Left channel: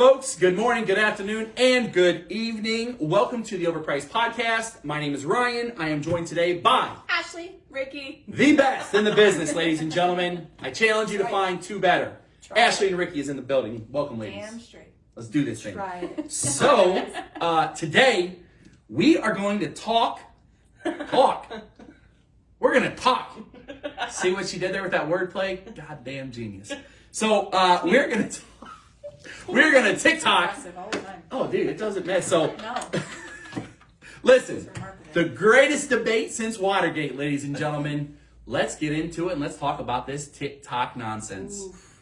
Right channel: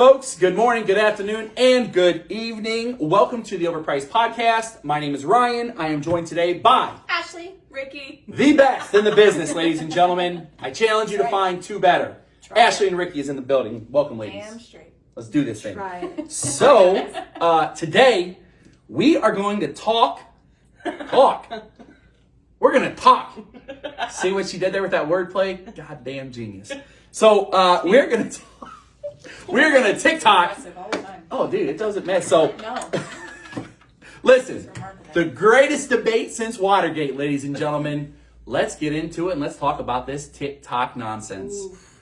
folks. Good morning, good afternoon, and good evening. Welcome to the Overpriced Podcast. My name is Ryan. I am joined today by Ashley, Ricky, the best in the business, ladies and gentlemen. I challenge you to find two better. Ashley and Ricky is in the building. Welcome, ladies. Damn straight. Let's do this thing. Try it. So, today, we are going to talk. We're going to talk. See what she did there with that wordplay? Goddamn genius. So, we're going to TikTok. Aggressive all the time. Oh, dude, it doesn't matter. So, No. listen, It's remarkable. the greatest debate since Watergate, ladies and gentlemen. Let's get into it and let's talk about this TikTok nonsense.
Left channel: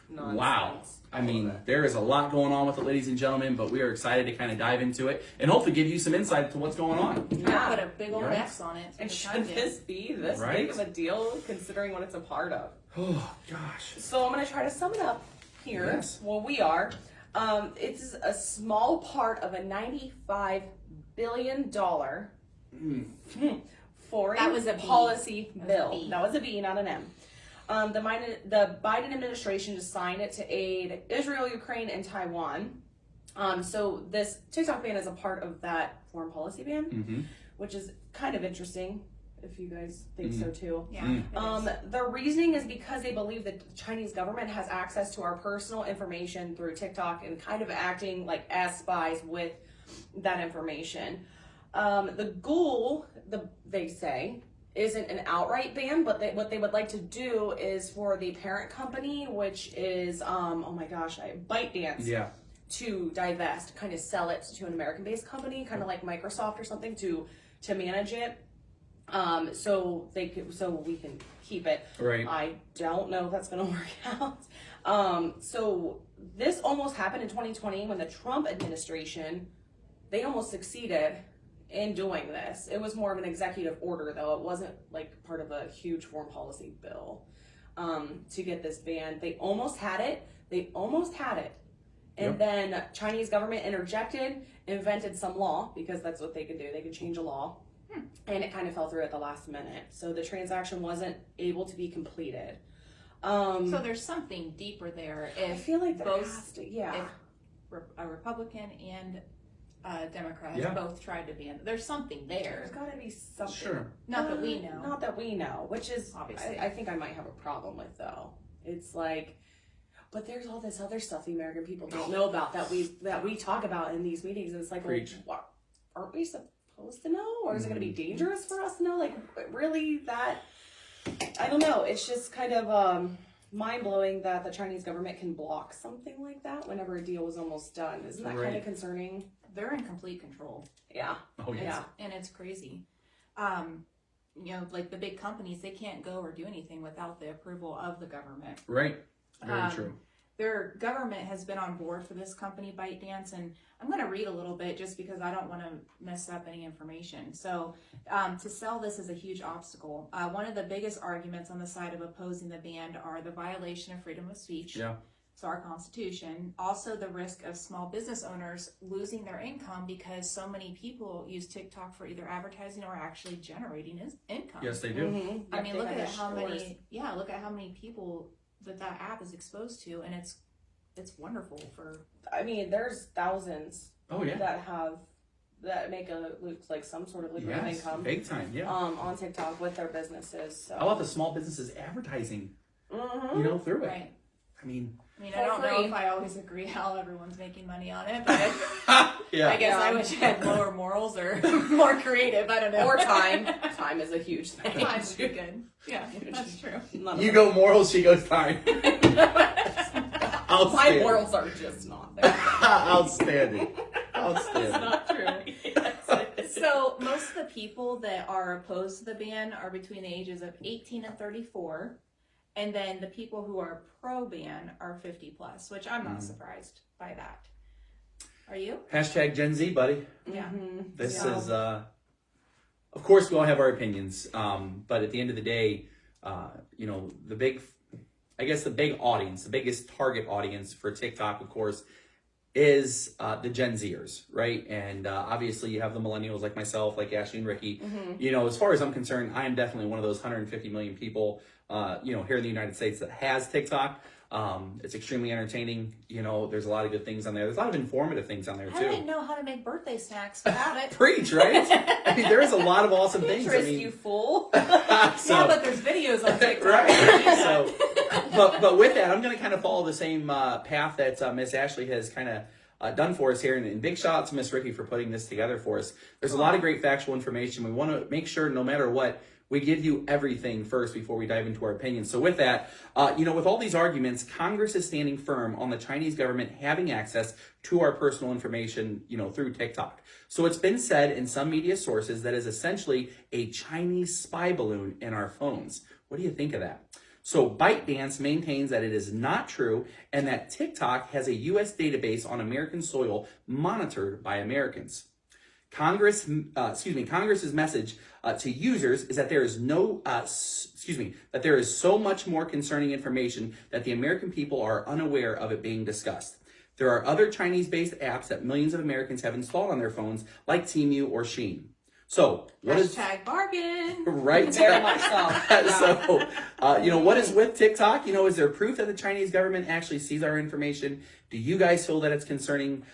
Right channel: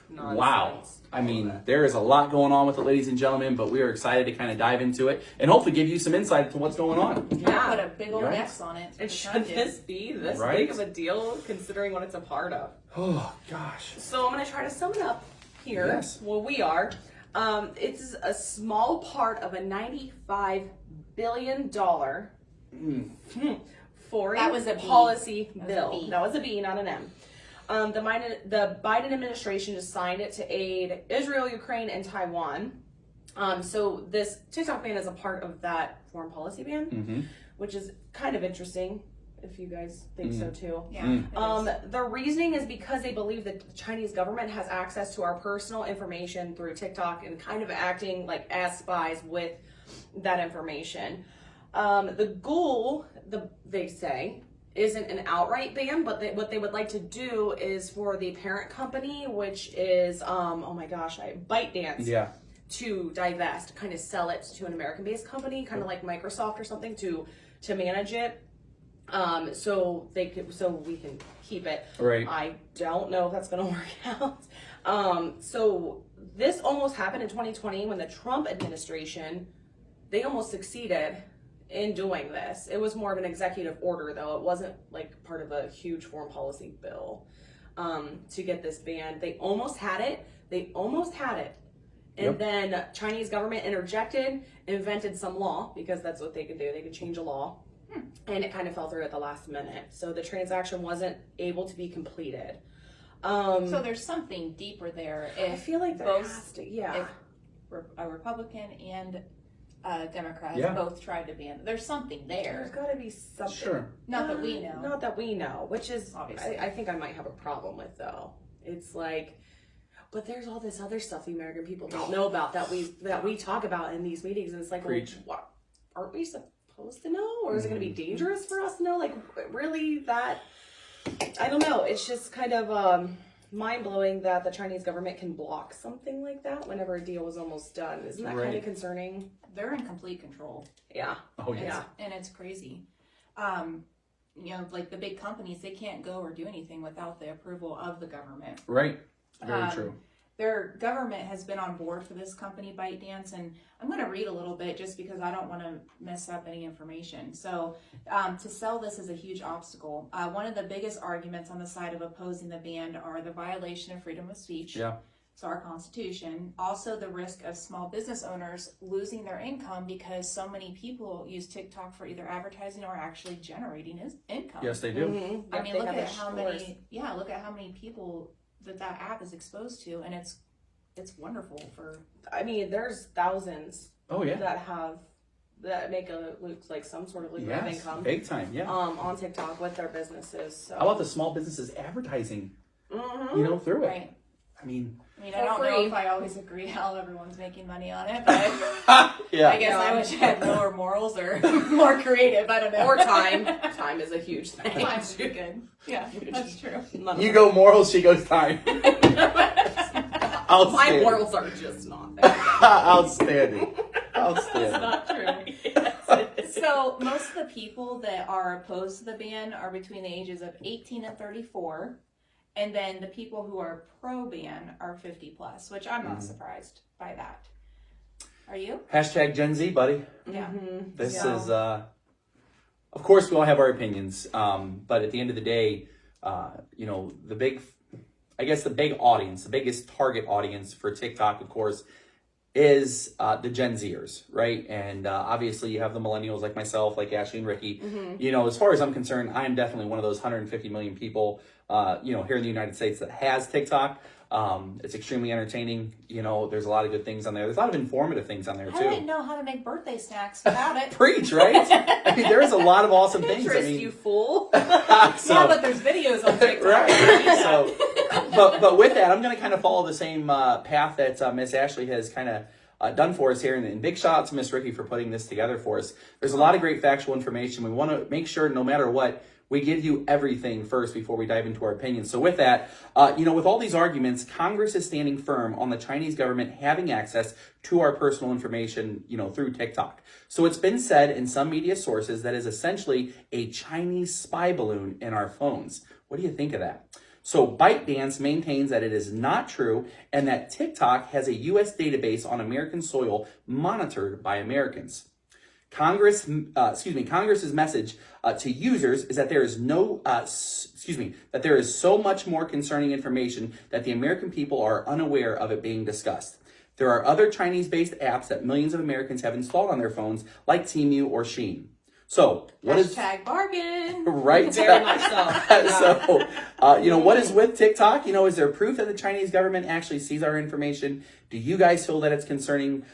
Nonsense. Wow. I mean, there is a lot going on with it, ladies and gentlemen, but we are excited to kind of dive into it and hopefully give you some insight into what's going on. Yeah, put a big old Right. X on it. And should this be this Right? big of a deal considering what it's a part of? Oh, gosh. So I'm going to try to sum it up here. Yes. Well, we are. It's a small part of a $95 billion foreign That was a B. policy That was a bill. B. That was a B, not an M. The Biden administration just signed it to aid Israel, Ukraine, and Taiwan. So this TikTok ban is a part of that foreign policy ban, Mm-hmm. which is kind of interesting if you guys think so too. Yeah. Mm. it is. The reasoning is because they believe that the Chinese government has access to our personal information through TikTok and kind of acting like as spies with that information. The goal, they say, isn't an outright ban, but what they would like to do is for the parent company, which is, ByteDance, Yeah. to divest, kind of sell it to an American-based company, kind of like Microsoft or something, to manage it. So we can keep it. Right. I don't know if that's going to work out. So this almost happened in 2020 when the Trump administration, they almost succeeded in doing this. It was more of an executive order, though. It wasn't like part of a huge foreign policy bill to get this banned. They almost had it. And Yep. then Chinese government interjected, invented some law, because that's what they can do. They can change a law. And it kind of fell through at the last minute. So the transaction wasn't able to be completed. So there's something deeper there. I If feel like there both- has to, yeah. if a Republican and a Democrat Yeah. both tried to ban, there's something There's there. got to be something. Sure. Not that we know. Not that we know, which is Obviously. I think I might have a problem with though. It's like, but there's all this other stuff the American people don't know about that we talk about in these meetings, and it's like, well, Preach. what aren't we supposed to know, or is it going to be dangerous for us to know? Like, really, that I don't know. It's just kind of mind blowing that the Chinese government can block something like that whenever a deal is almost done. Isn't that kind Right. of concerning? They're in complete control. Yeah. Oh, yeah. Yeah. And it's crazy. Like the big companies, they can't go or do anything without the approval of the government. Right. Very true. Their government has been on board for this company, ByteDance, and I'm going to read a little bit just because I don't want to mess up any information. So, to sell this is a huge obstacle. One of the biggest arguments on the side of opposing the ban are the violation of freedom of speech. Yeah. So our Constitution. Also, the risk of small business owners losing their income because so many people use TikTok for either advertising or actually generating income. Yes, they do. Mm-hmm. I mean, look at how many people that app is exposed to, and it's wonderful for. I mean, there's thousands Oh, yeah. that make looks like some sort of lucrative Yes. income Big time. Yeah. on TikTok with their businesses. So. How about the small businesses advertising, Mhm. through it? Right. I mean, I For don't know free. if I always agree how everyone's making money on it, but yeah. I guess I wish I had lower morals or more creative. I don't know. Or time. Time is a huge thing. Time would be good. Yeah, that's true. You go morals, she goes time. My Outstanding. morals are just not there. Outstanding. That's Outstanding. not true. So most of the people that are opposed to the ban are between the ages of 18 and 34. And then the people who are pro-ban are 50 plus, which I'm not surprised by that. Are you? Hashtag Gen Z, buddy. Yeah. Mhm. This Yeah. is, of course, we all have our opinions. But at the end of the day, the big audience, the biggest target audience for TikTok, of course, is the Gen Zers, right? And obviously you have the millennials like myself, like Ashley and Ricky. As far as I'm concerned, I'm definitely one of those 150 million people, here in the United States that has TikTok. It's extremely entertaining. You know, there's a lot of good things on there. There's a lot of informative things on there I too. wouldn't know how to make birthday snacks without it. Preach, right? I mean, there's a lot of awesome things. I Pinterest, mean, you fool. Yeah, but there's videos on TikTok. right. So, but with that, I'm going to kind of follow the same path that Miss Ashley has kind of done for us here. And big shout out to Miss Ricky for putting this together for us. There's a lot of great factual information. We want to make sure, no matter what, we give you everything first before we dive into our opinions. So with that, with all these arguments, Congress is standing firm on the Chinese government having access to our personal information, through TikTok. So it's been said in some media sources that is essentially a Chinese spy balloon in our phones. What do you think of that? So ByteDance maintains that it is not true and that TikTok has a U.S. database on American soil monitored by Americans. Congress's message to users is that there is that there is so much more concerning information that the American people are unaware of it being discussed. There are other Chinese-based apps that millions of Americans have installed on their phones, like Temu or Shein. So, what is Hashtag bargain. right? Very much so. So, what is with TikTok? Is there proof that the Chinese government actually sees our information? Do you guys feel that it's concerning?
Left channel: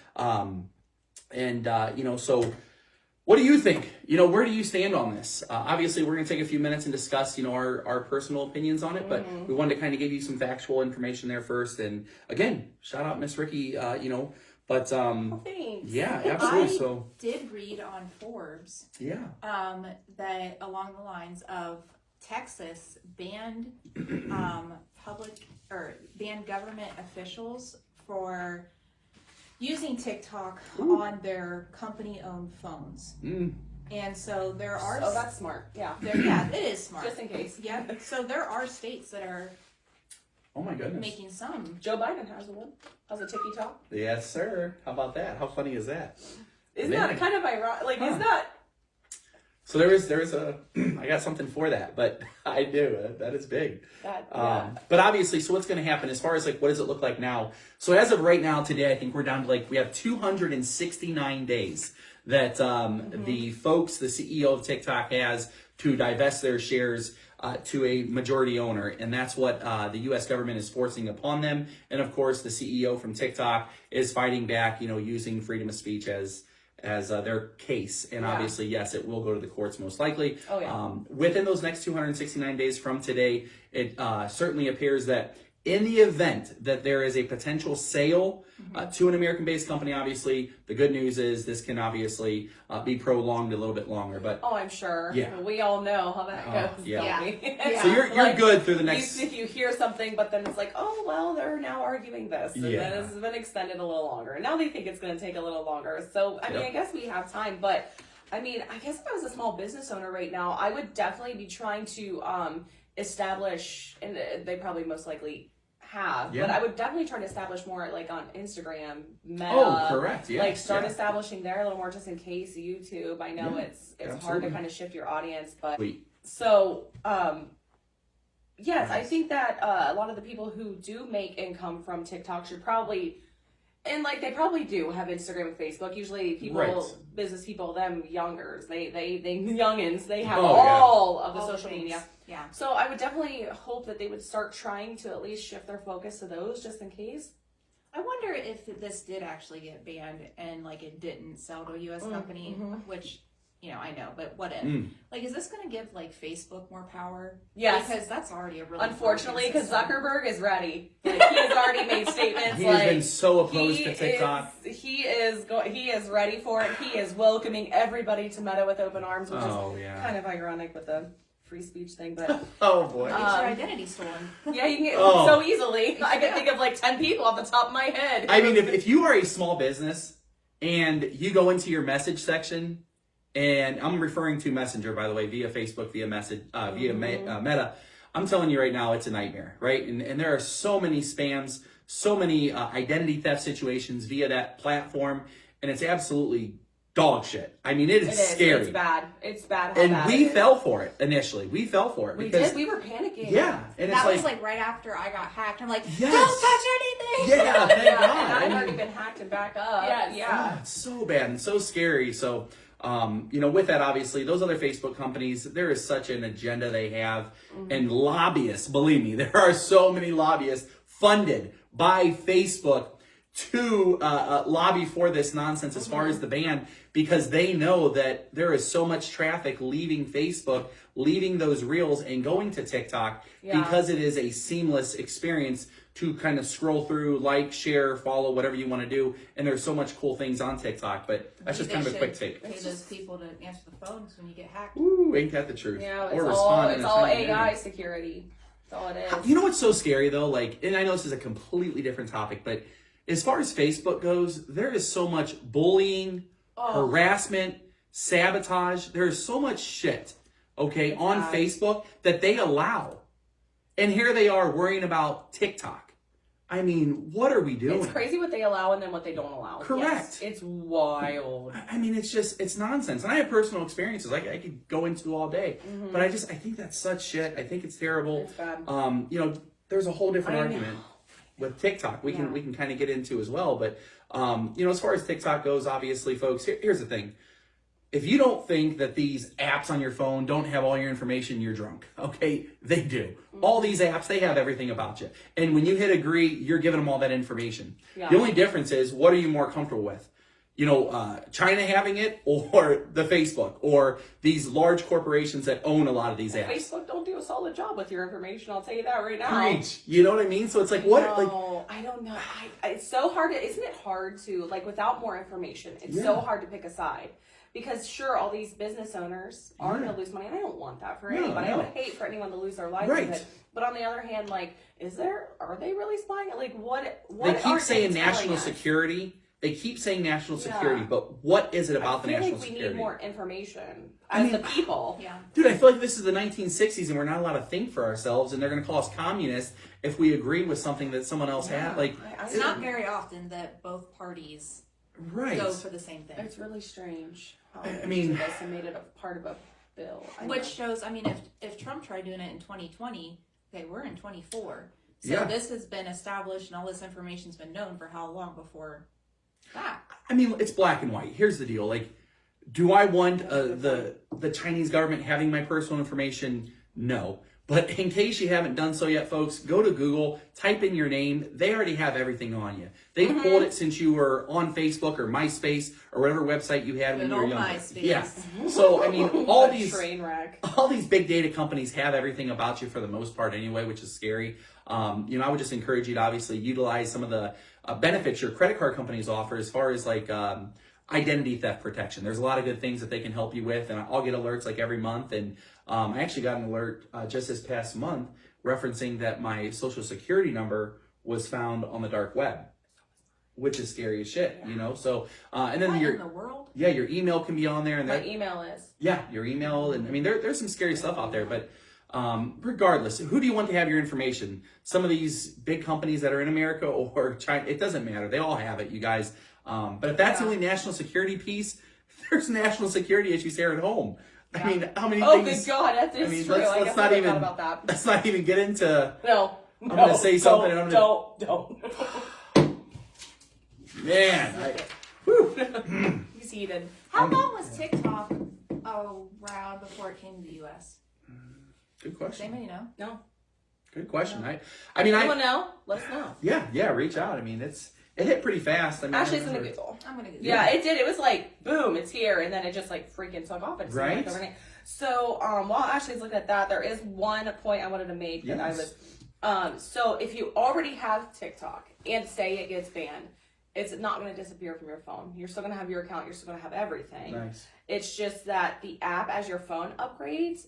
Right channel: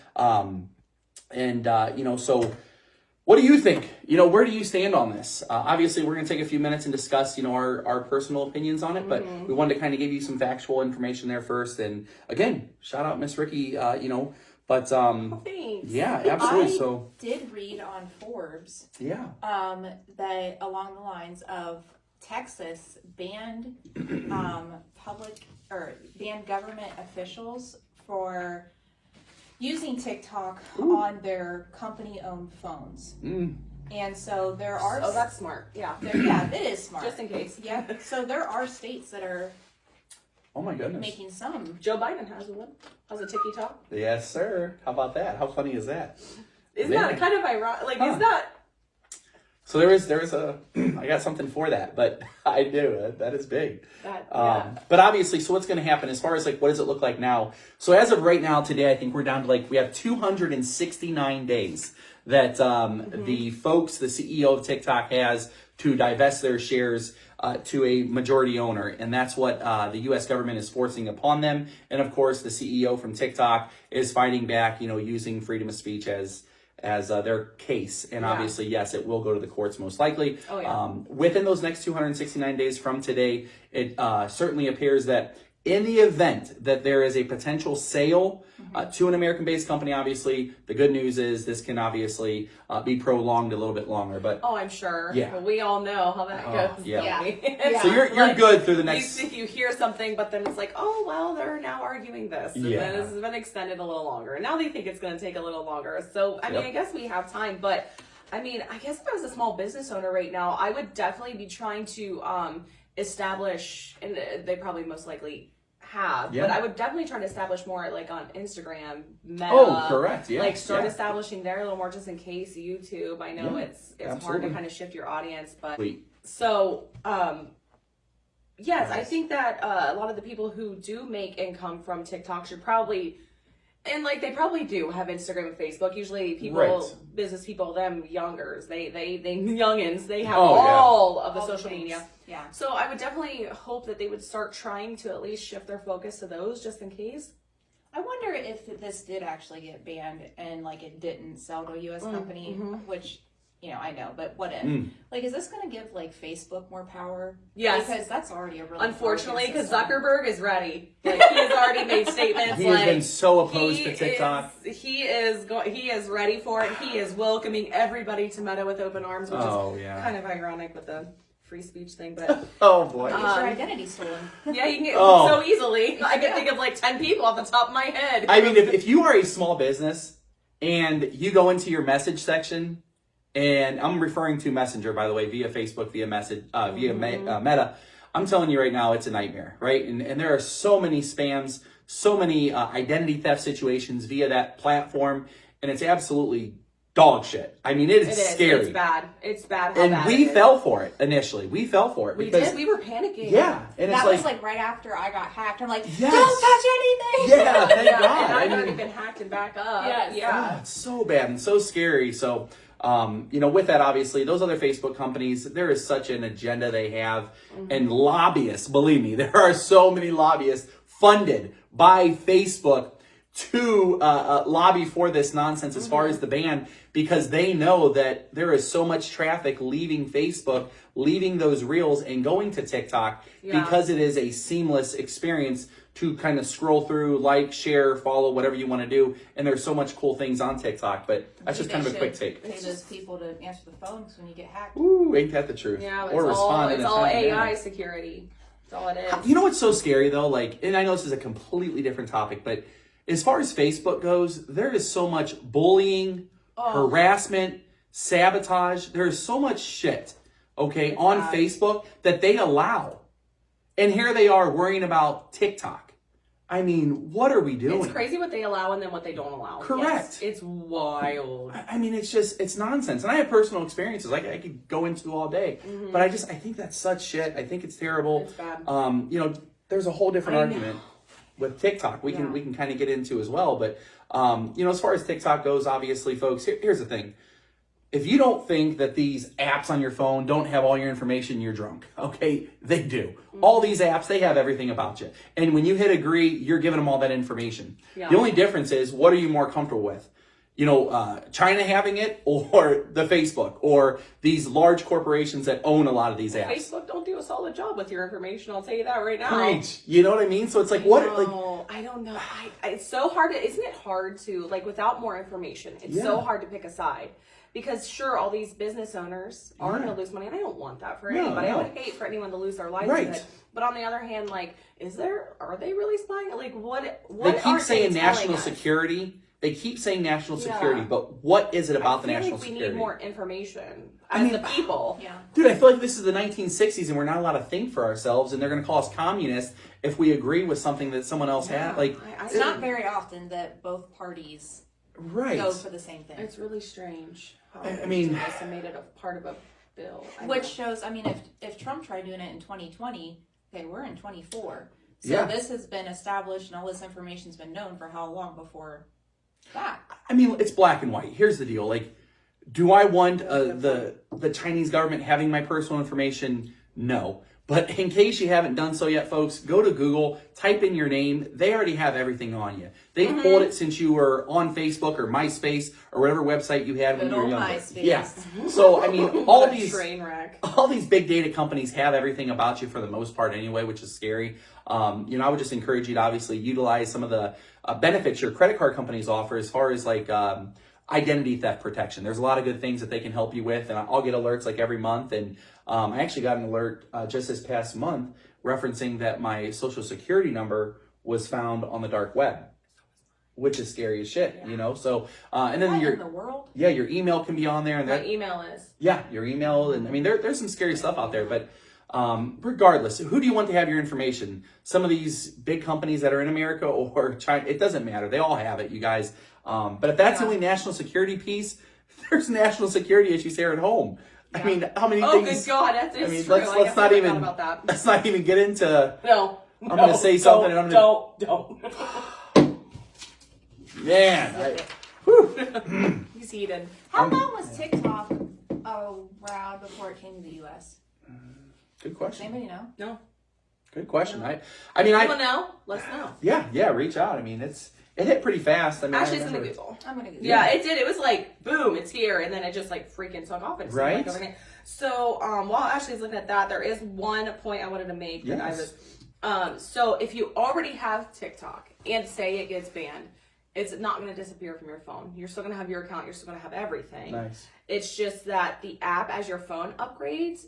So what do you think? Where do you stand on this? Obviously, we're going to take a few minutes and discuss, our personal opinions on it, but we wanted to kind of give you some factual information there first. And again, shout out Miss Ricky, but Thanks. yeah, absolutely. I So did read on Forbes yeah, that along the lines of Texas banned banned government officials for using TikTok on their company-owned phones. And so there are... Oh, that's smart. Yeah. Yeah, it is smart. Just in case. Yeah, so there are states that are oh my goodness, making some. Joe Biden has one. Has a TikTok. yes, sir. How about that? How funny is that? Isn't Man. that kind of ironic? Like, Huh. is that... So there's a I got something for that, but I do. That is big. But obviously, so what's going to happen as far as what does it look like now? So as of right now, today, I think we're down to we have 269 days that the folks, the CEO of TikTok has to divest their shares to a majority owner. And that's what the U.S. government is forcing upon them. And of course, the CEO from TikTok is fighting back, using freedom of speech as their case. And obviously, yes, it will go to the courts most likely. Oh, yeah. Within those next 269 days from today, it certainly appears that in the event that there is a potential sale to an American-based company, obviously, the good news is this can obviously be prolonged a little bit longer. But Oh, I'm sure. Yeah. But we all know how that goes. yeah. don't we? Yeah. so you're Like, good through the next. You hear something, but then it's like, oh, well, they're now arguing this. And Yeah. then this has been extended a little longer. And now they think it's going to take a little longer. So, I mean, Yep. I guess we have time. But, I mean, I guess if I was a small business owner right now, I would definitely be trying to establish, and they probably most likely have, Yeah. but I would definitely try to establish more on Instagram, Meta. Oh, correct. Yeah. Start yeah. establishing there a little more just in case. YouTube, I know Yeah, it's hard absolutely. to kind of shift your audience, but Sweet. so yes, I Nice. think that a lot of the people who do make income from TikTok should probably, and they probably do have Instagram and Facebook. Usually people, Right. business people, them youngers, they youngins, they have Oh, yeah. all of the All the social things. media. Yeah. So I would definitely hope that they would start trying to at least shift their focus to those just in case. I wonder if this did actually get banned and it didn't sell to a U.S. company, which I know, but what if? Is this going to give Facebook more power? Yes. Because that's already a really Unfortunately, broken because system. Zuckerberg is ready. He's already made statements. He has been so opposed to TikTok. He is ready for it. He is welcoming everybody to Meta with open arms, which Oh, is yeah. kind of ironic with the free speech thing. But Oh boy. Get your identity stolen. yeah, you can get Oh. so easily. I can think of 10 people off the top of my head. I mean, if you are a small business and you go into your message section, and I'm referring to Messenger, by the way, via Facebook, via Meta, I'm telling you right now, it's a nightmare, right? And there are so many spams, so many identity theft situations via that platform, and it's absolutely dog shit. I mean, it is scary. It's bad. It's bad. How And bad we it is. fell for it initially. We fell for it We because did. We were panicking. yeah, and That it's was right after I got hacked. I'm like, Yes. don't touch anything. yeah, thank Yeah, God. and I've I already mean, been hacked and back up. Yes. Yeah. oh, it's so bad and so scary. So, with that, obviously, those other Facebook companies, there is such an agenda they have. And lobbyists, believe me, there are so many lobbyists funded by Facebook to lobby for this nonsense as far as the ban, because they know that there is so much traffic leaving Facebook, leaving those reels and going to TikTok because it is a seamless experience to kind of scroll through, like, share, follow, whatever you want to do. And there's so much cool things on TikTok, but that's just kind of a quick take. Pay those people to answer the phones when you get hacked. Ooh, ain't that the truth? Yeah, Or it's respond in a all timely AI manner. security. That's all it is. You know what's so scary though? Like, and I know this is a completely different topic, but as far as Facebook goes, there is so much bullying, harassment, sabotage. There's so much shit, okay, on bad. Facebook that they allow. And here they are worrying about TikTok. I mean, what are we doing? It's crazy what they allow and then what they don't allow. Correct. Yes, it's wild. I mean, it's nonsense. And I have personal experiences I could go into all day. But I think that's such shit. I think it's terrible. It's bad. You know, there's a whole different I know. argument with TikTok we can kind of get into as well. But, you know, as far as TikTok goes, obviously, folks, here's the thing. If you don't think that these apps on your phone don't have all your information, you're drunk. Okay, they do. All these apps, they have everything about you. And when you hit agree, you're giving them all that information. Yeah. The only difference is, what are you more comfortable with? You know, China having it, or the Facebook, or these large corporations that own a lot of these apps. Facebook don't do a solid job with your information. I'll tell you that right now. Preach. You know what I mean? So it's like, what? Like, No, I don't know. It's so hard. Isn't it hard to, like, without more information, it's so hard to pick a side. Because sure, all these business owners are going to lose money, and I don't want that for anybody. I would hate for anyone to lose their livelihood. Right. But on the other hand, like, are they really spying? Like, what they keep aren't saying they telling national us? security. They keep saying national Yeah. security, but what is it about the I feel national like we security? need more information as the people. Yeah. Dude, I feel like this is the 1960s and we're not allowed to think for ourselves, and they're going to call us communists if we agree with something that someone else had. Like, It's not very often that both parties right. go for the same thing. It's really strange. How I mean- you guys made it a part of a bill. I Which know. shows, I mean, if Trump tried doing it in 2020, okay, we're in 24. So Yeah. this has been established and all this information's been known for how long before that? I mean, it's black and white. Here's the deal. Like, do I want the Chinese government having my personal information? No. But in case you haven't done so yet, folks, go to Google, type in your name. They already have everything on you. They've pulled it since you were on Facebook or MySpace or whatever website you had when Good you were old younger. MySpace. Yeah. So, I mean, all What a these train wreck. all these big data companies have everything about you for the most part anyway, which is scary. You know, I would just encourage you to obviously utilize some of the benefits your credit card companies offer as far as like identity theft protection. There's a lot of good things that they can help you with, and I'll get alerts like every month. And I actually got an alert just this past month referencing that my social security number was found on the dark web, which is scary as shit, you know? So, and then What your in the world? your email can be on there, and My that, email is. yeah, your email, and I mean, there's some scary stuff out there, but regardless, who do you want to have your information? Some of these big companies that are in America or China, it doesn't matter. They all have it, you guys. But if that's the only national security piece, there's national security issues here at home. I mean, how many Oh, things? good God, that is I mean, true. let's I guess not I even forgot about that. let's not even get into. No. I'm gonna say something and I'm gonna- Don't. Man, He's eating. How long was TikTok around before it came to the U.S.? good Does question. anybody know? No. Good question. I mean, Anyone know? Let's know. yeah, reach out. I mean, it hit pretty fast. I mean, I Ashley's gonna remember- Google. I'm gonna get Yeah, it did. It was like, boom, it's here, and then it just like freaking took off. It seemed Right? Like overnight. So, while Ashley's looking at that, there is one point I wanted to make that Yes. I was. So if you already have TikTok and say it gets banned, it's not going to disappear from your phone. You're still going to have your account. You're still going to have everything. Nice. It's just that the app, as your phone upgrades,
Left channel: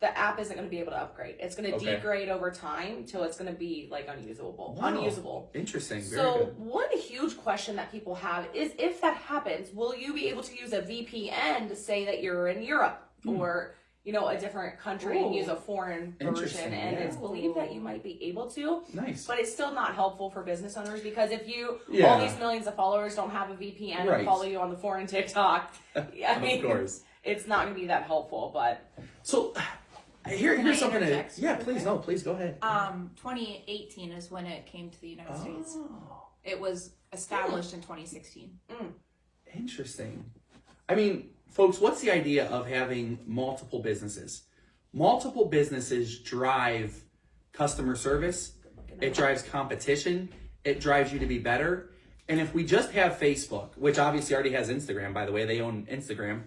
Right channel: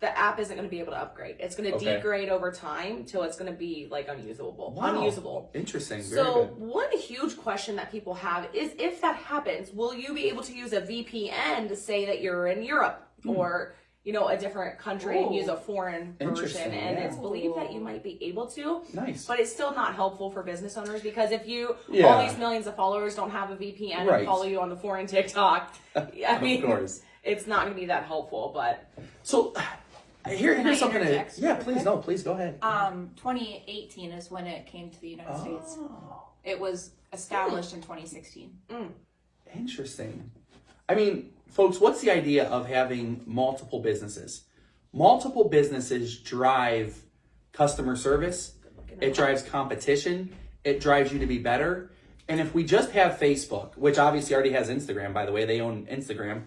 the app isn't going to be able to upgrade. It's going to Okay. degrade over time till it's going to be like unusable. Wow. Unusable. Interesting. Very So good. one huge question that people have is, if that happens, will you be able to use a VPN to say that you're in Europe or, you know, a different country and Ooh. use a foreign version? Interesting, And yeah. it's believed that you might be able to, Nice. but it's still not helpful for business owners, because if you, all Yeah. these millions of followers don't have a VPN Right. and follow you on the foreign TikTok, I mean, Of course. it's not going to be that helpful, but So here's Can I something. interject Yeah, real please. quick? No, please go ahead. 2018 is when it came to the United States. Oh, It was established in 2016. interesting. I mean, folks, what's the idea of having multiple businesses? Multiple businesses drive customer service, It drives competition. It drives you to be better. And if we just have Facebook, which obviously already has Instagram, by the way, they own Instagram.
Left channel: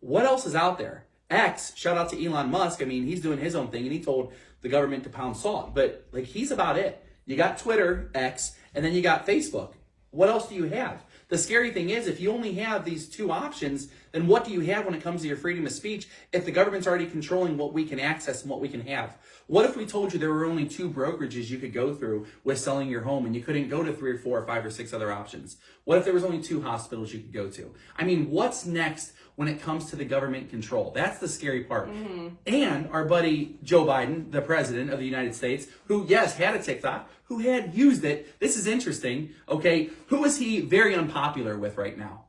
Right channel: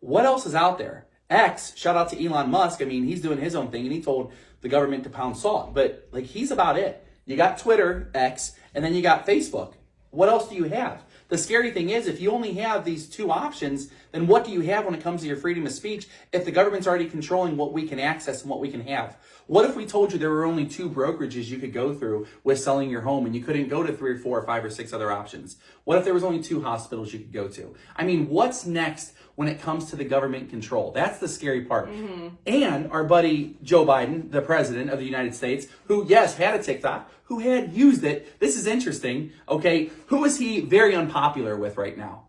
What else is out there? X, shout out to Elon Musk. I mean, he's doing his own thing and he told the government to pound salt, but like he's about it. You got Twitter, X, and then you got Facebook. What else do you have? The scary thing is, if you only have these two options, then what do you have when it comes to your freedom of speech if the government's already controlling what we can access and what we can have? What if we told you there were only two brokerages you could go through with selling your home and you couldn't go to 3 or 4 or 5 or 6 other options? What if there was only 2 hospitals you could go to? I mean, what's next when it comes to the government control? That's the scary part. And our buddy Joe Biden, the president of the United States, who, yes, had a TikTok, who had used it. This is interesting, okay? Who is he very unpopular with right now?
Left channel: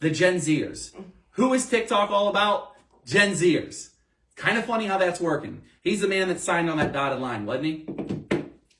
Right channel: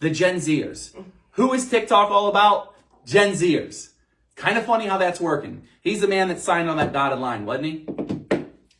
The Gen Zers. Who is TikTok all about? Gen Zers. Kind of funny how that's working. He's the man that signed on that dotted line, wasn't he?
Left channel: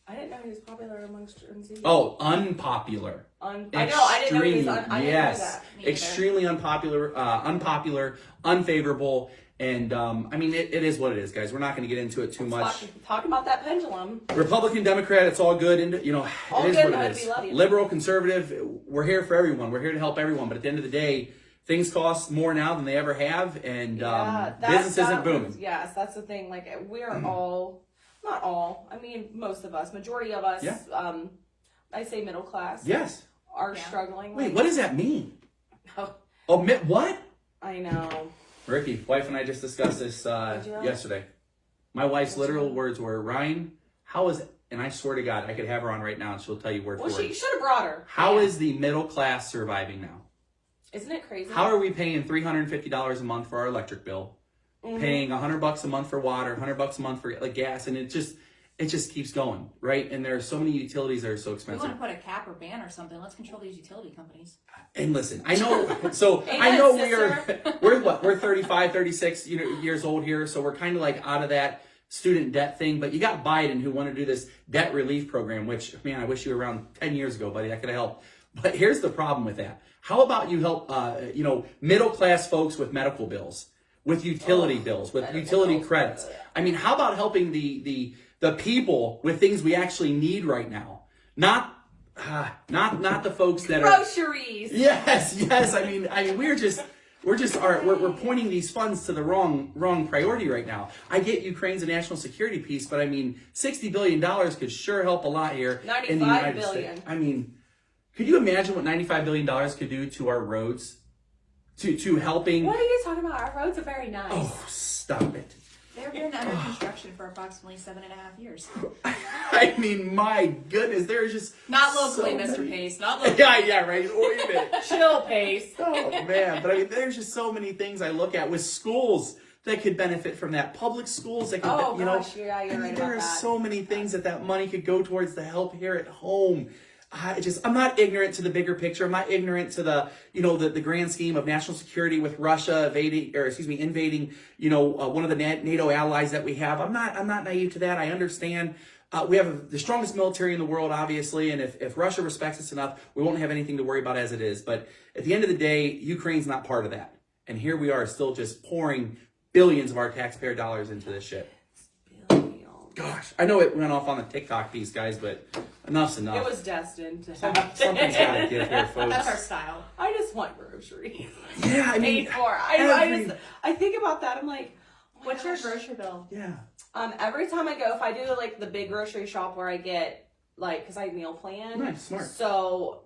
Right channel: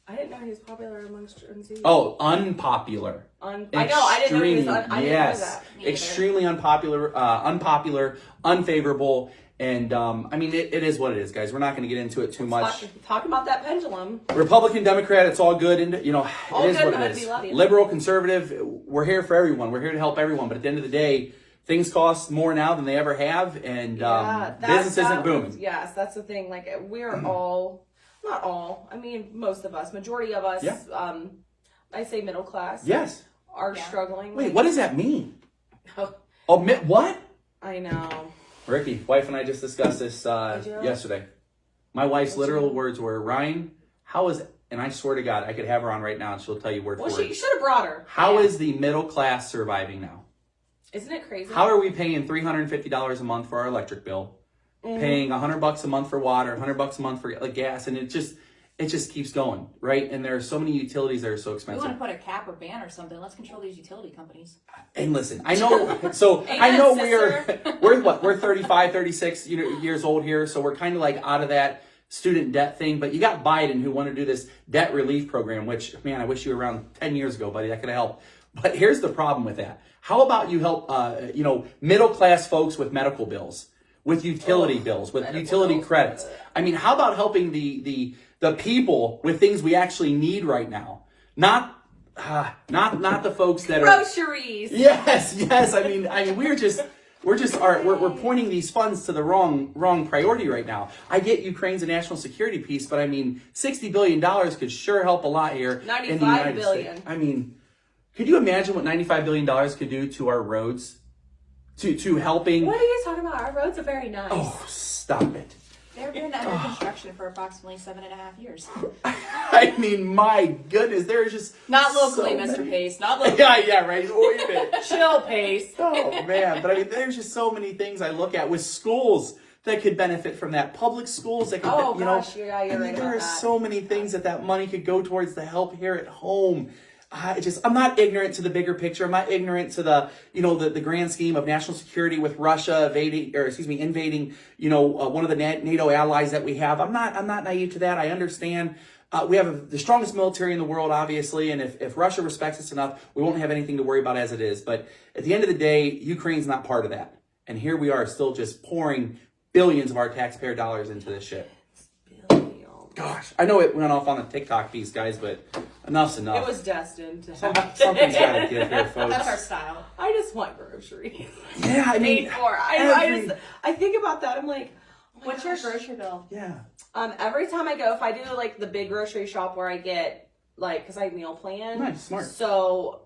I didn't know he was popular amongst Gen Z. Oh, unpopular. I know, I didn't know he was Extreme, I didn't yes. know that. Me either. Extremely unpopular, unfavorable, and I mean, it is what it is, guys. We're not going to get into it too much. Talk about that pendulum. Republican, Democrat, it's all good, and you know, All it is good, what it man, is. we love you. Liberal, conservative, we're here for everyone. We're here to help everyone, but at the end of the day, things cost more now than they ever have, and business isn't booming. Yes, that's the thing. Like we're all, not all. I mean, most of us, majority of us. Yeah. I say middle class. Yes. Are Yeah. struggling. Wait, like- what does that mean? Oh, What? I know. Ricky, wife and I just discussed this Did you? yesterday. My wife's Did literal you? words were, Ryan, how is, and I swear to God, I could have her on right now and she'll tell you word Well, for you word. should have brought her. How Yeah. is the middle class surviving now? Isn't it crazy? How are we paying $350 a month for our electric bill? Mm-hmm. Paying $100 a month for water, $100 a month for like gas, and it just keeps going, right? And there are so many utilities that are so We expensive. want to put a cap or ban or something. Let's control these utility companies. And listen, I know, so I Amen, know sister. we're 35, 36 years old here, so we're kind of like out of that student debt thing, but you got Biden who wanted to do this debt relief program, which, man, I wish you were around 10 years ago, buddy, that could have helped. But here's the problem with that. How about you help, middle class folks with medical bills, with utility bills, with medical utility bills. credits? I mean, how about helping the people with things we actually need right now? Not the folks that are. Groceries. Yes. I mean, we're pointing these funds to the wrong priority right now. I get Ukraine's a national security piece, but I mean, $60 billion could sure help a lot here in the 95 United billion. States. I mean, could you imagine what $95 billion could do to our roads? To helping. What are you talking about? Our roads are very nice. Oh, stop it. They've been under construction for approximately 7.5 years. I mean, my goodness, there's just Not locally, so Mr. many- Pace. Not locally. Yeah, right. Oregon. Chill, Pace. Oh man, but I mean, there's just so many things I look at with schools that could benefit from that. Public schools that could, Oh, you gosh, know, yeah, I you're mean, right there about are that. so many things that money could go towards to help here at home. I'm not ignorant to the bigger picture. I'm not ignorant to the grand scheme of national security with Russia invading, one of the NATO allies that we have. I'm not naive to that. I understand. We have the strongest military in the world, obviously, and if Russia respects us enough, we won't have anything to worry about as it is. But at the end of the day, Ukraine's not part of that. And here we are still just pouring billions of our taxpayer dollars into this shit. Gosh, I know it went off on the TikTok piece, guys, but enough's enough. It was destined to Something's got to happen. give here, folks. That's our style. I just want groceries. Yeah, I mean, Paid for. every- I think about that. I'm like, oh my What's your gosh. grocery bill? yeah. Every time I go, if I do like the big grocery shop where I get because I meal plan. Nice, smart. So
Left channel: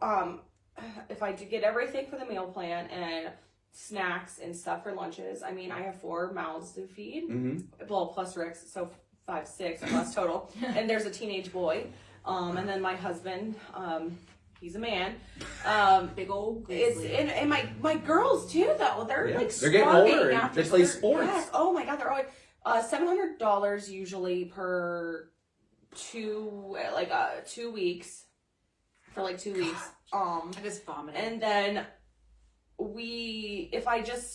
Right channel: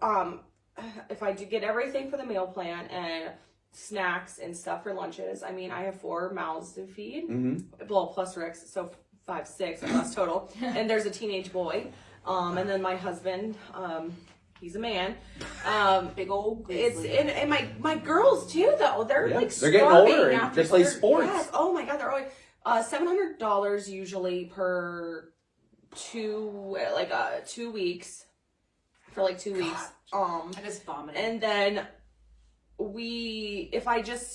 if I do get everything for the meal plan and snacks and stuff for lunches, I mean I have 4 mouths to feed. Mm-hmm. Well, plus Rick's, so 5, 6 of us total. And there's a teenage boy. And then my husband, he's a man. Big old It's grizzly. and my girls too though. They're Yeah, like they're getting starving older and after they play school. sports. Yes. Oh my god, they're always $700 usually per 2 weeks for like 2 weeks. I just vomited. And then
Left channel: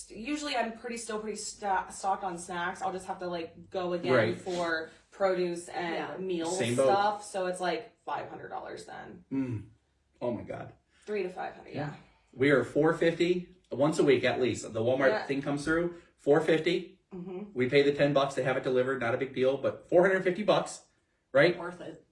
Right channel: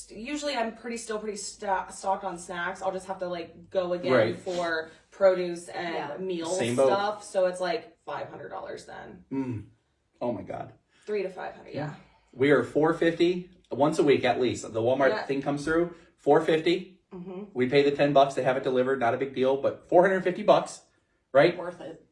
usually I'm pretty stocked on snacks. I'll just have to like go again Right. for produce and Yeah. meal Same boat. stuff. So it's like $500 then. Oh my God. 300 to 500. Yeah. We are $450 once a week at least. The Walmart Yeah. thing comes through, $450. Mm-hmm. We pay the $10 to have it delivered. Not a big deal, but $450, right? Worth it.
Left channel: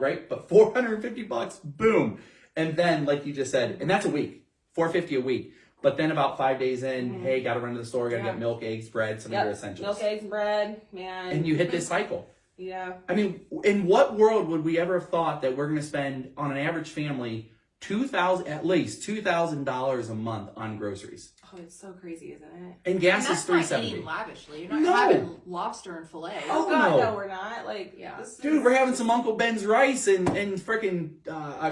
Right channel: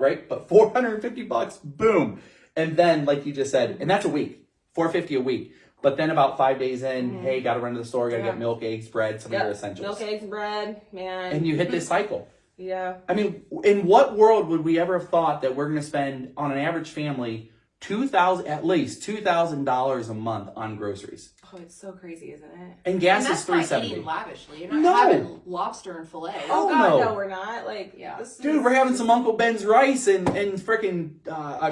right? But $450, boom. And then, like you just said, and that's a week, $450 a week. But then about 5 days in, hey, got to run to the store, got to get milk, eggs, bread, some of your essentials. Milk, eggs, bread, man. And you hit this cycle. Yeah. I mean, in what world would we ever have thought that we're going to spend on an average family at least $2,000 a month on groceries? Oh, it's so crazy, isn't it? And gas And is that's not $3.70. eating lavishly. You're not No. having lobster and filet. Oh, God, no. no, we're not. Like, Yeah. this Dude, is- we're having some Uncle Ben's rice and freaking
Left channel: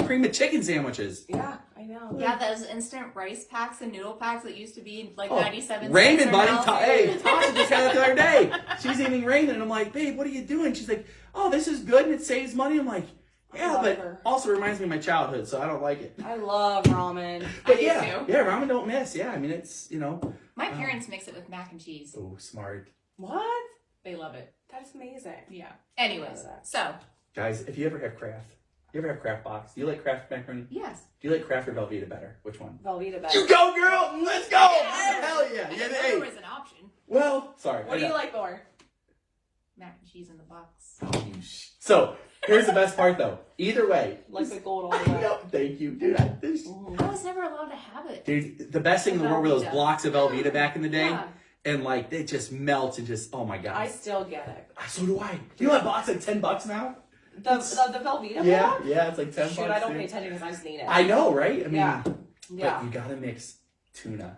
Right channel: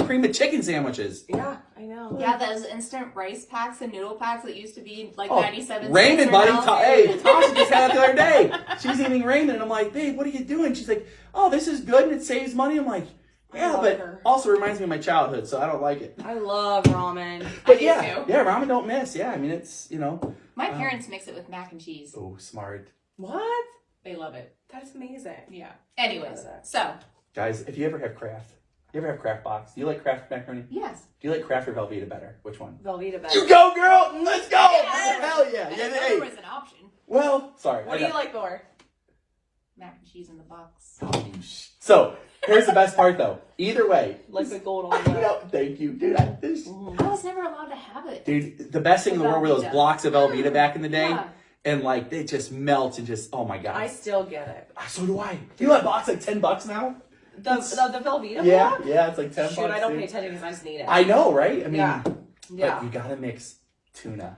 cream of chicken sandwiches. Yeah, I know. Yeah, those instant rice packs and noodle packs that used to be like Oh, 97 ramen, cents buddy. now. Hey, Tasha just had it the other day. She's eating ramen, and I'm like, babe, what are you doing? She's like, oh, this is good and it saves money. I'm like, yeah, love but her. also reminds me of my childhood, so I don't like it. I love ramen. But do yeah, too. yeah, ramen don't miss. Yeah, I mean, it's, My parents mix it with mac and cheese. oh, smart. What? They love it. That's amazing. Yeah. Anyways, Love that. so Guys, if you ever have Kraft, box, do you like Kraft macaroni? yes. Do you like Kraft or Velveeta better? Which one? Velveeta You better. go, girl! Let's go! Yes! Hell yeah! I Yeah, didn't know hey. there was an option. Well, sorry. What do you like more? Mac and cheese in the box. So, here's the best part though. Either way. Like the gold I on the know, thank you, dude. I was never allowed to have it. Dude, the best thing in the world were those Velveeta. blocks of Velveeta back in the day. Yeah. And like, they just melt and just, oh my God. I still get it. So do I. You know that box like $10 now? The Velveeta Yeah, block? yeah, it's like $10. Shoot, I don't dude. pay attention because I just need it. I know, right? I mean, Yeah. but Yeah. you gotta mix tuna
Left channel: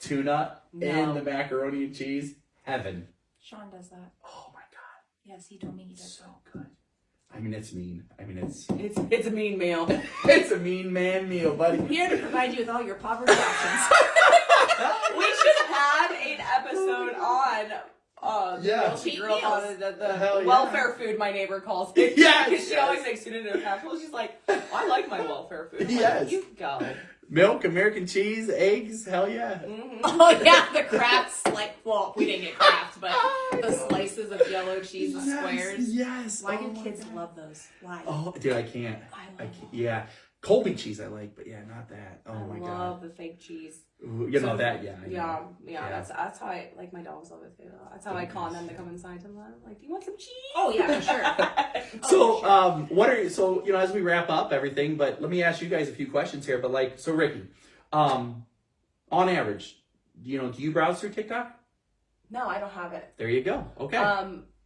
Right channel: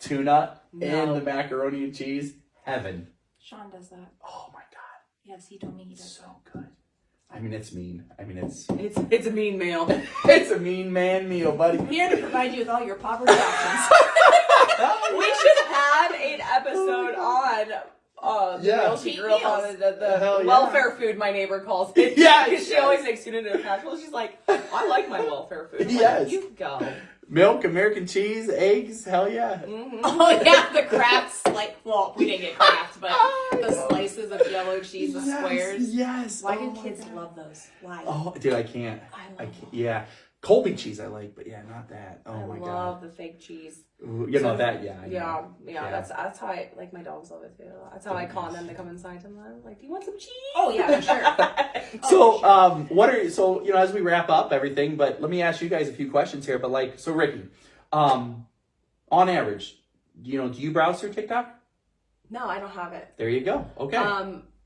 No. in the macaroni and cheese. Heaven. Sean does that. Oh my God. Yes, he told me he does So good. I mean, it's mean. I mean, it's It's a mean meal. it's a mean man meal, buddy. that. Here to provide you with all your poverty options. We should have an episode on the Yeah. meal she Cheat grew up on, meals. the Hell yeah. welfare food my neighbor calls it. Yeah, Because she yes. always makes tuna in a casserole. She's like, I like my welfare food. I'm like, Yes. you go. Milk, American cheese, eggs. Hell yeah. Mhm. Oh yeah, the Kraft's like, well, we didn't get Kraft, but the slices of yellow cheese, the squares. Yes. Why Oh do my kids God. love those? Why? Oh, dude, I can't. I I love can't. Yeah. Colby cheese I like, but yeah, not that. Oh I my love God. the fake cheese. Ooh, you know So- that, yeah. I know. Yeah, Yeah. That's how I like my dogs love it too. That's how I con them to come inside to them. Like, do you want some cheese? Oh yeah, for sure. So, Oh, sure. as we wrap up everything, but let me ask you guys a few questions here. But like, so Ricky, on average, do you browse through TikTok? No, I don't have it. There you go. Okay.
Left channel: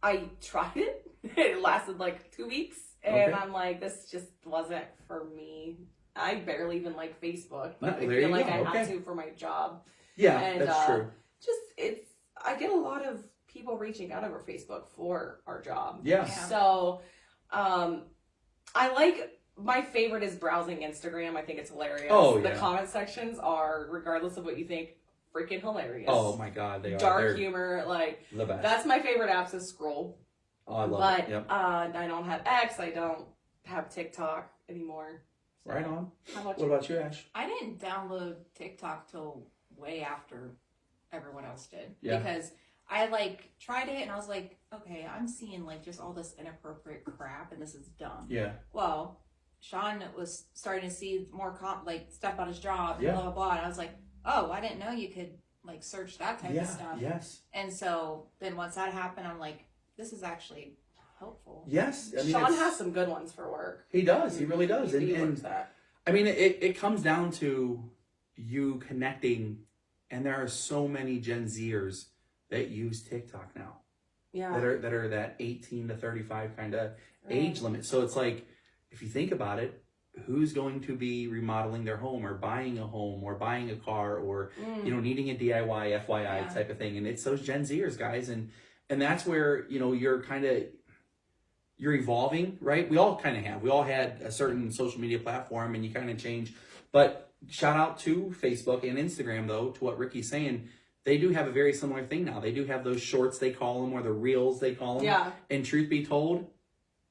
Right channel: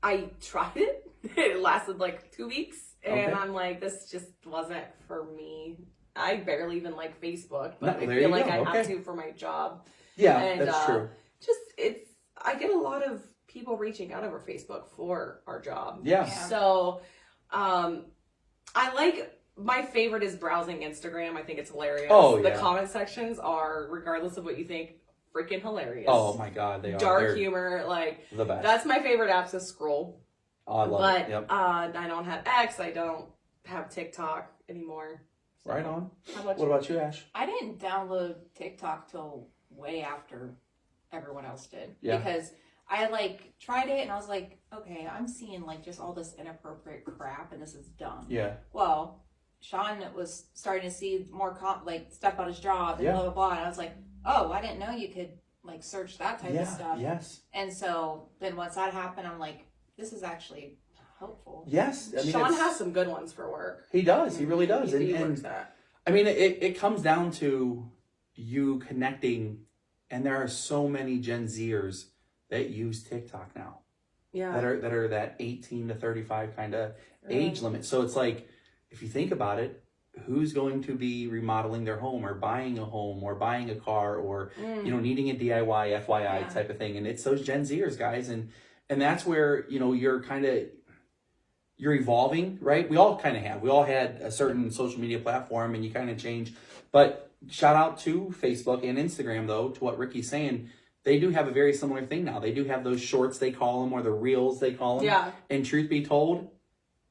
I tried it. It lasted like 2 weeks, and Okay. I'm like, this just wasn't for me. I barely even like Facebook, but No, I there feel you like go. I have Okay. to for my job. yeah, and, that's true. I get a lot of people reaching out over Facebook for our job. Yeah. Yeah. So, I like. My favorite is browsing Instagram. I think it's hilarious. Oh, The yeah. comment sections are, regardless of what you think, freaking hilarious. Oh my God, they are. Dark They're humor, like the best. that's my favorite app to scroll. Oh, I love But it. Yep. I don't have X. I don't have TikTok anymore. So, Right on. How about What you? about you, Ash? I didn't download TikTok till way after everyone else did. Yeah. Because I like tried it and I was like, okay, I'm seeing like just all this inappropriate crap and this is dumb. Yeah. Well, Sean was starting to see more like stuff about his job and Yeah. blah blah blah, and I was like, oh, I didn't know you could like search that type of stuff. Yes. And so then once that happened, I'm like, this is actually helpful. Yes. I mean, Sean it's- has some good ones for work. He does. He really does. He And works that. I mean, it comes down to you connecting, and there are so many Gen Zers that use TikTok now Yeah. that are that 18 to 35 kind of age limit. So it's like, if you think about it, who's going to be remodeling their home or buying a home or buying a car or needing a DIY FYI Yeah. type of thing? And it's those Gen Zers, guys, and that's where you're evolving, right? We all kind of have. We all had a certain social media platform, and you kind of change. But shout out to Facebook and Instagram, though, to what Ricky's saying. They do have a very similar thing now. They do have those shorts, they call them, or the reels, they call them. Yeah. And truth be told,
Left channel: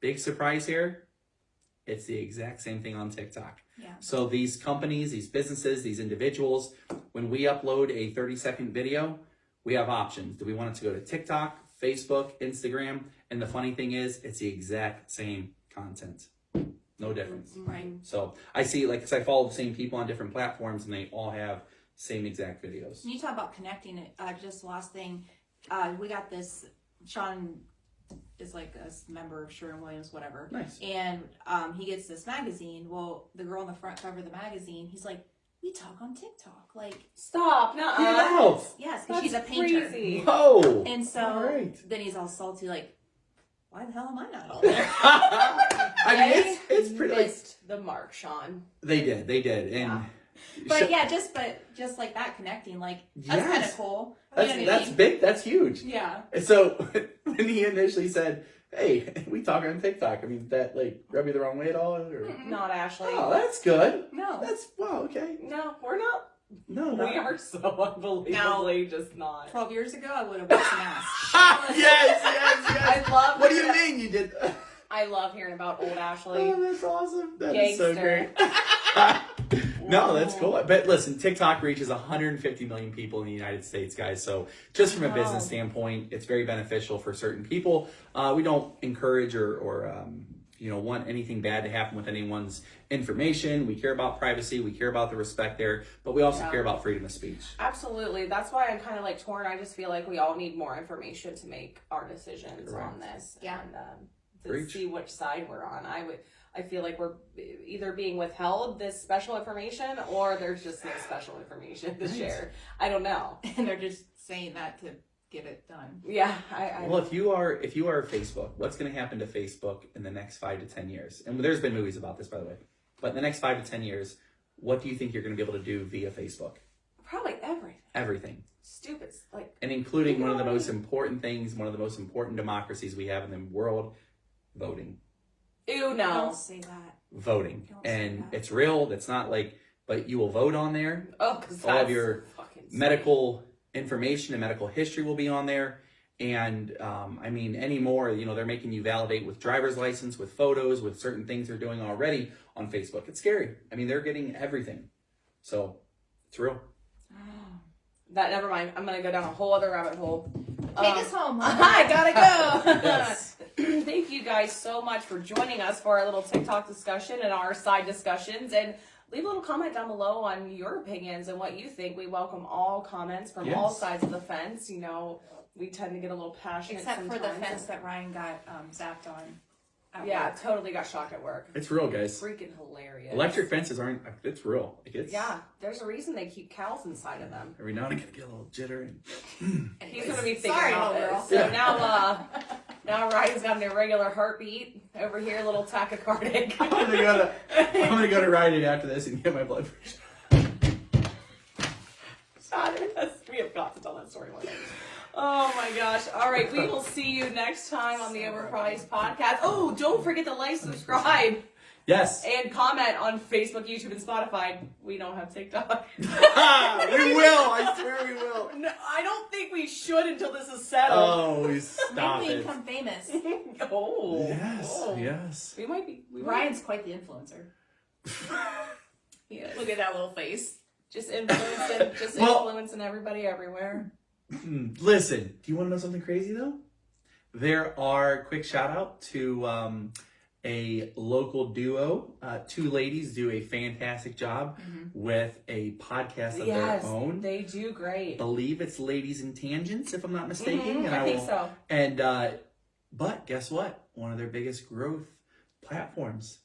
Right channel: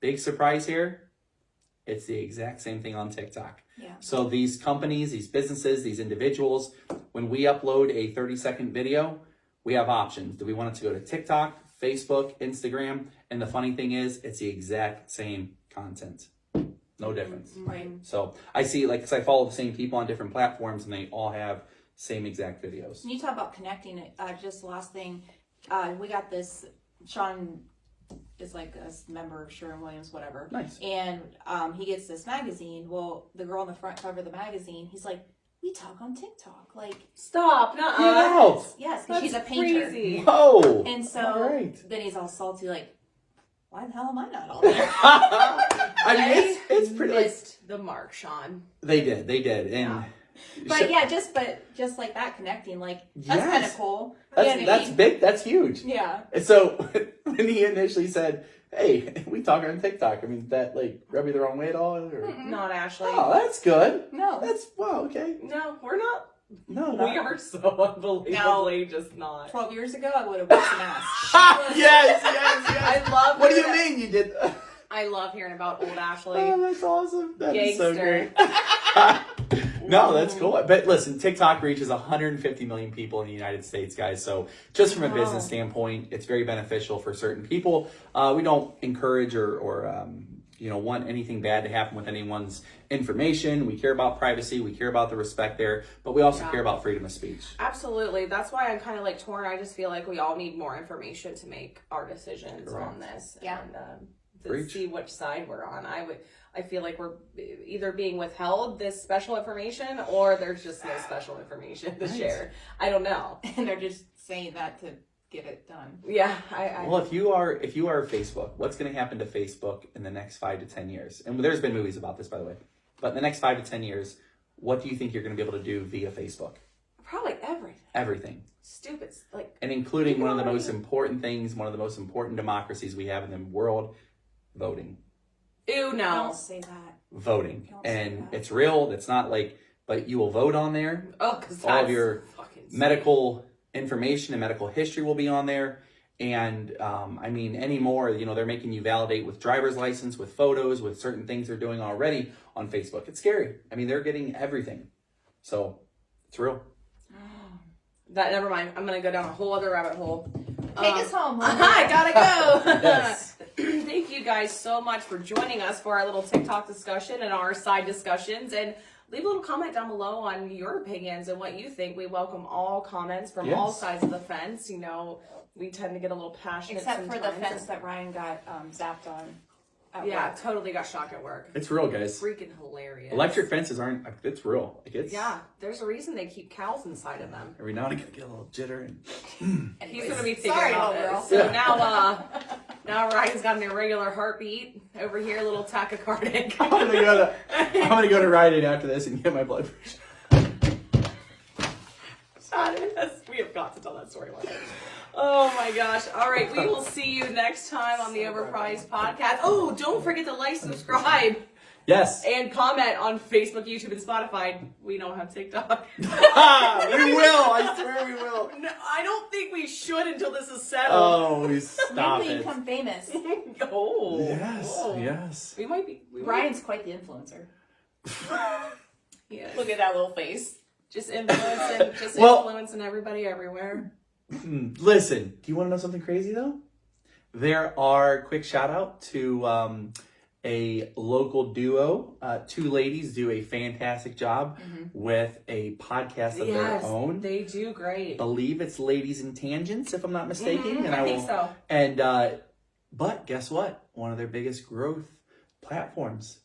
big surprise here, it's the exact same thing on TikTok. Yeah. So these companies, these businesses, these individuals, when we upload a 30-second video, we have options. Do we want it to go to TikTok, Facebook, Instagram? And the funny thing is, it's the exact same content. No difference. Right. So I see, like, 'cause I follow the same people on different platforms, and they all have same exact videos. When you talk about connecting, just the last thing, we got this, Sean is like a member of Sherwin-Williams, whatever. Nice. And he gets this magazine. Well, the girl on the front cover of the magazine, he's like, we talk on TikTok. Like, Stop. Get out. yes, 'cause That's she's a painter. crazy. Whoa. And so All right. then he's all salty, like, why the hell am I not all there? I mean, it's pretty. Like, missed the mark, Sean. they did, and Yeah. But yeah, just like that connecting, like that's kind of cool. You know what I that's mean? big. That's huge. Yeah. And so when he initially said, "Hey, we talk on TikTok," I mean, that like rub you the wrong way at all? Or? Not Ashley. Oh, that's good. No. That's wow. Okay. No, we're not. No, We not. are so unbelievably just not. 12 years ago, I would have whipped some ass. yes. I love. What do you mean you did? I love hearing about old Ashley. Oh, that's awesome. That is so Gangster. great. No, that's cool. But listen, TikTok reaches 150 million people in the United States, guys. So just from a business Wow. standpoint, it's very beneficial for certain people. We don't encourage or want anything bad to happen with anyone's information. We care about privacy. We care about the respect there, but we also Yeah. care about freedom of speech. Absolutely. That's why I'm kind of like torn. I just feel like we all need more information to make our decisions on this. Yeah. And to Preach. see which side we're on. I feel like we're either being withheld this special information or there's just no special information to share. I don't know. And they're just saying that to get it done. Yeah. I Well, if you are Facebook, what's going to happen to Facebook in the next 5 to 10 years? And there's been movies about this, by the way. But in the next 5 to 10 years, what do you think you're going to be able to do via Facebook? probably everything. Everything. Stupid. Like, And including one of the most important things, one of the most important democracies we have in the world, voting. ew, no. Don't say that. Voting. Don't say And that. it's real. It's not like, but you will vote on there. Oh, because All of your medical information and medical history will be on there. And I mean, anymore, they're making you validate with driver's license, with photos, with certain things they're doing already on Facebook. It's scary. I mean, they're getting everything. So it's real. That, never mind. I'm going to go down a whole other rabbit hole. Take us home. I gotta go. Yes. Thank you guys so much for joining us for our little TikTok discussion and our side discussions. And leave a little comment down below on your opinions and what you think. We welcome all comments from all Yes. sides of the fence. We tend to get a little passionate Except for the sometimes. fence that Ryan got zapped on at Yeah, work. totally got shocked at work. It's real, guys. Freaking hilarious. Electric fences aren't, it's real. Like it's, Yeah, there's a reason they keep cows inside of them. every now and again, I get a little jitter. And He's gonna be figuring Sorry, out little this. girl. So now Ryan's got an irregular heartbeat over here, a little tachycardic. I'm gonna go to Rite Aid after this and get my blood pressure. We have got to tell that story one day. Oh my gosh. All right. We will see you next time on the Overpriced Podcast. Oh, don't forget to like, subscribe, Yes. and comment on Facebook, YouTube, and Spotify. We don't have TikTok. We will. I swear we will. No, I don't think we should until this is settled. Oh, Maybe stop we it. become famous. Oh. Yes. Oh. Yes. We might be. Ryan's quite the influencer. Yes. Look at that little face. Just influencing, Well- influencing everybody everywhere. Listen, do you want to know something crazy though? There are quick shout out to a local duo. 2 ladies do a fantastic job with a podcast of their own. They do great. Believe it's Ladies and Tangents, if I'm not mistaken. And I think so. And but guess what? One of their biggest growth platforms.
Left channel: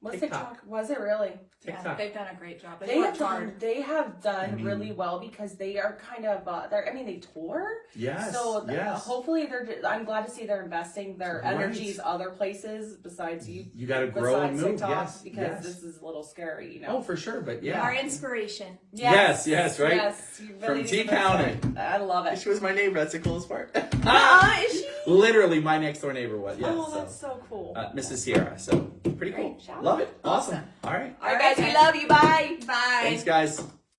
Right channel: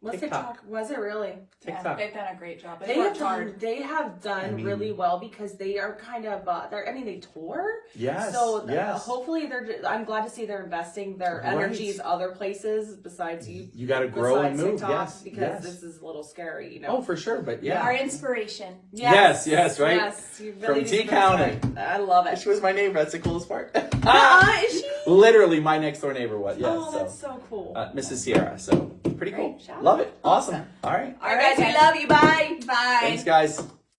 What's TikTok. TikTok? Was it really? Yeah, TikTok. they've done a great job. They They worked have hard. done really well because they are kind of they tour. Yes. So yes. hopefully I'm glad to see they're investing their Right. energies other places besides you. You got to grow and besides move. TikTok, Yes. because yes. this is a little scary, Oh, for sure. But yeah. Our inspiration. Yes, right? Yes, you From really T need to County. respect- I love it. She was my neighbor. That's the coolest part. Is she? Literally, my next door neighbor was. Yes. Oh, that's so cool. Mrs. Sierra. So pretty cool. Great. Shout Love out. it. Awesome. All right. All right, guys, we love you. Bye. Bye. Thanks, guys.